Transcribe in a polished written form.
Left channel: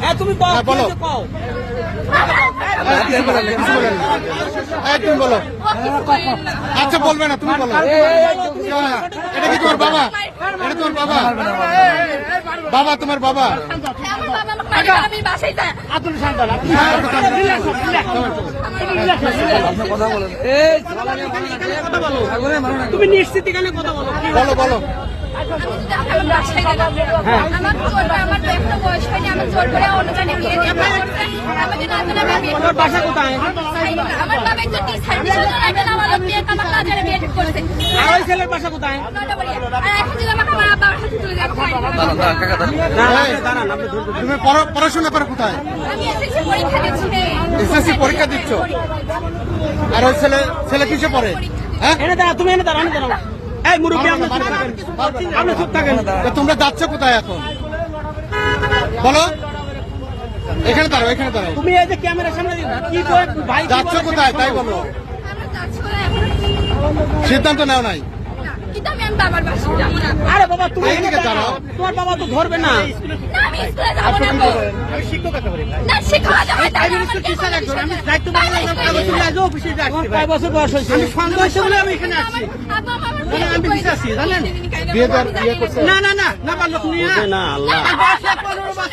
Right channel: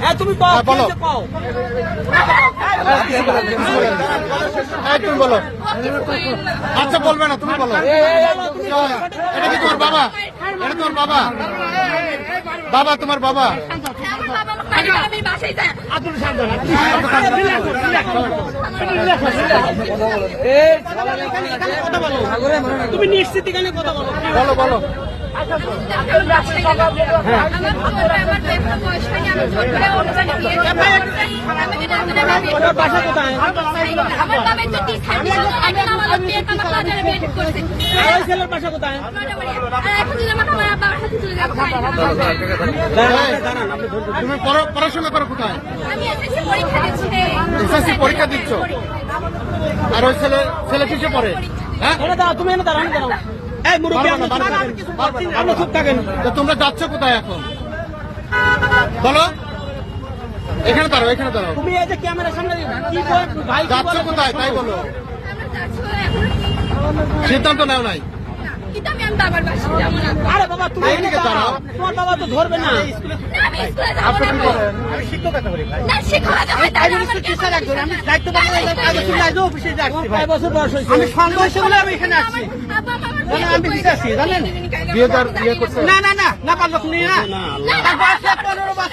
হ্যাঁ তুমি বলো বলো। তুমি বলো। আচ্ছা বলবে না, তুমি বলো। এটা কি তোমার বাবা? এটা তোমার বাবা? বাবা তোমার বাবা? তুমি নিশ্চিত এখানে কথা বলো। বলো বলো। তোমার বাসা কোথায়? আর ওই ছেলের বাসা কোথায়? তুমি পড়াশোনা করো কোথায়? এসএসসি পরীক্ষা দিচ্ছ? আর ওই ছেলে কিসে পড়ে? হ্যাঁ, এনে দাঁড়া, তুমি এনে দাঁড়ানো দাঁড়াও। এই মুরব্বী আপনি চুপ থাকেন। তোমরা যাচ্ছ কোথায় এখন? বলো। এখানে দাঁড়াও, এখানে দাঁড়াও। তুমি এই যে ক্যামেরার সামনে কি করে ভাই যাচ্ছ কোথায় তাই বলো। সিদ্ধান্ত নেও নাই? আরে বাবা তুমি তাই নাকি জানো? তোমার বাবা তো ধরবে না। আপনি কি করেন? আমি শিক্ষকতা করি ভাই। আমি প্রাইমারি স্কুল টিচার একজন। আমি দায়িত্ব পালন অফিসে যাচ্ছি ভাই। 5 বছর বয়স হয়েছে। আমি সঙ্গ হয়েছে বলে আমি এখানে আসছি। আমি বিশ্বাসী জানেন। বিয়ে করছো? না না না না পারলো তুমি না। 15 বছর